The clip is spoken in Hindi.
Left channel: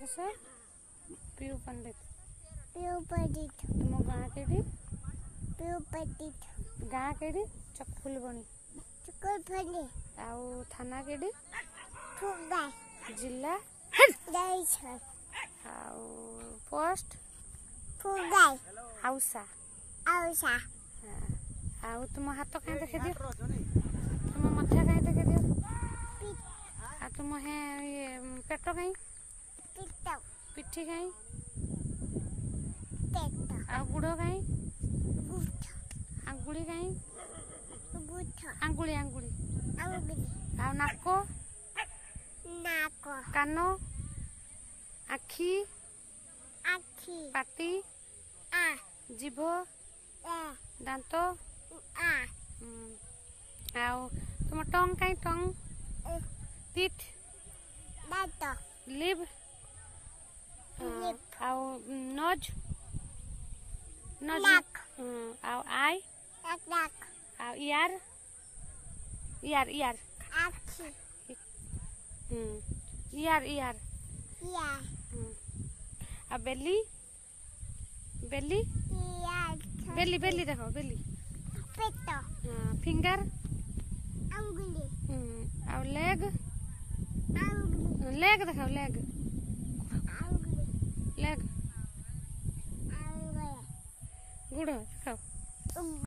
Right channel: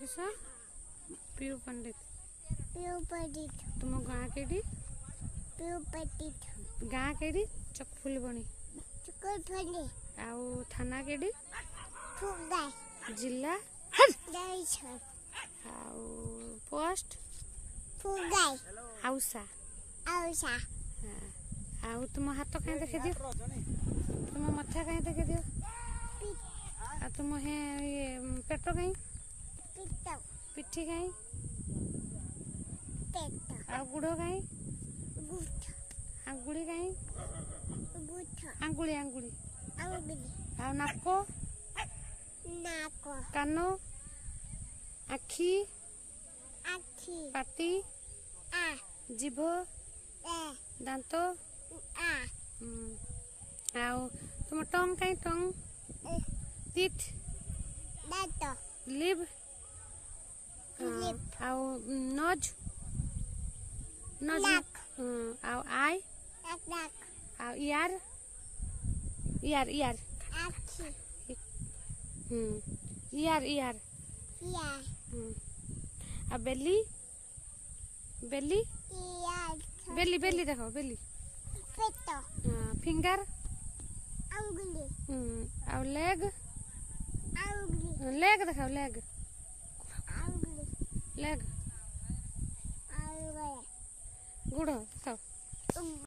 किस पीयू पंडित तुम गाँ केडी पंडित गाँ केडी चकफुलबणी आउ थाना केडी जिला आउ पोस्ट आउसा आउ तुम हाथ कहीं देखे दियो तुम मथा कहीं देखे दियो आ तुम है ये पेट कहीं पिठी कहीं आ गुड़ कहीं आंगुली कहीं आंगुली आंगुली आ नाको कानो आखी पाटी जीभ दांत आउ तुम टंग कहीं टंग तीठ लिव आउ नोज नोज आउ आई आउ ear ear ear ear ear आ बेली बेली बेली बेली देखो बेली फिंगर आउ लेग लेग देखो लेग लेग गुड़ देखो